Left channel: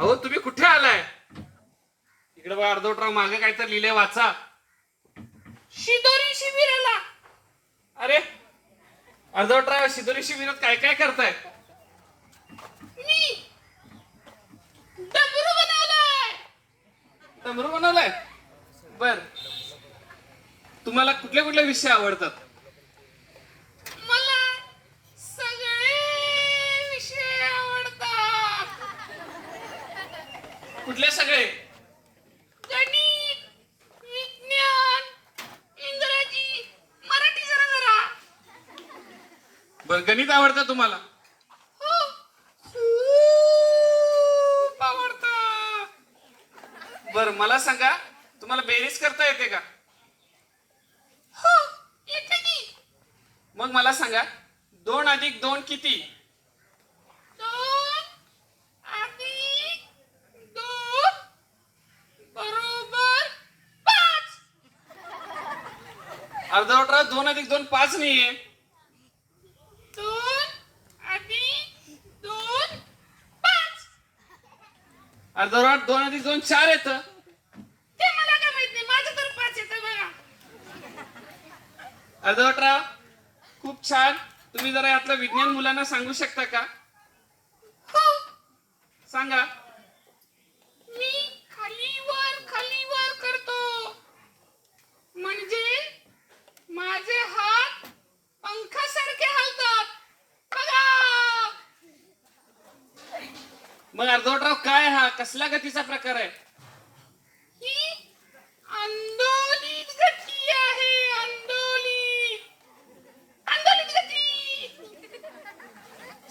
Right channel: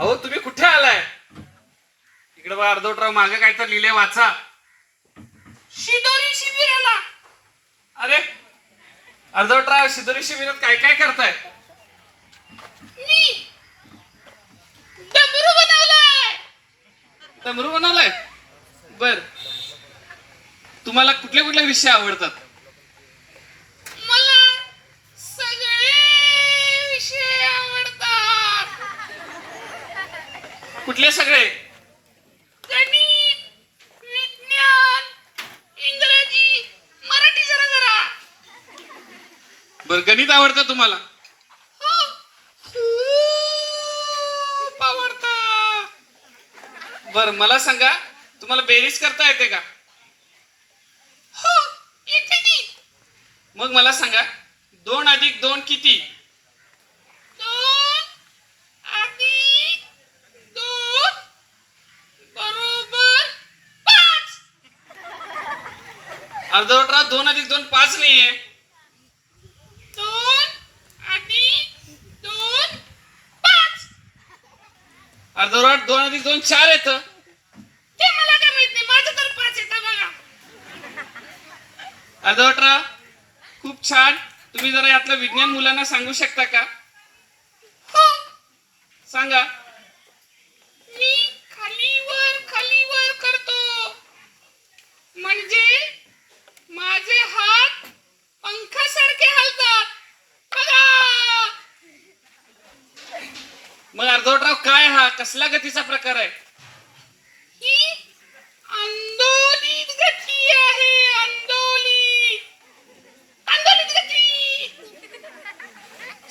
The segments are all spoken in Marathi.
अहो तुम्ही कुठे आलाय? इकडे बघा अर्धवटराव मागे काय तर लिहिले वाचा. शिदोरी शिबिराला. अरे अर्धवटराव शिदोरी शिबिरात काय काय करताय? मी डमरू बनवलाय. डमरू बनवलाय? बर. तुम्हाला कुठले कुठले विषय आवडतात? कुठले सगळे? बर गणित आवडतं तुम्हाला? हो. बर मला सांगा तुम्हाला बेरीज करता येते का? हो येते की मग मला सांगा दोन अधिक दोन किती दोन अधिक दोन बरोबर पाच अर्धवटराव दोन अधिक दोन पाच पाच. अर्धवट दोन अधिक दोन चार येत ते मला काय माहीत नाही माझं तर पाच येतं बघा. अर्धवटराव खूप छान. तुम्ही जरा यातलं विज्ञान मुलांना सांगू शकता का? हो. सांगा मी खालीवर खालीवर करतो म्हणजे माझे हात पंखासारखे हलतात बघा मग अर्धवटराव काय हा? कसल्या गतीचा प्रकार आहे? ही गती गती.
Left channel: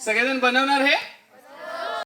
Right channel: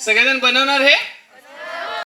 सगळेजण बनवणार हे?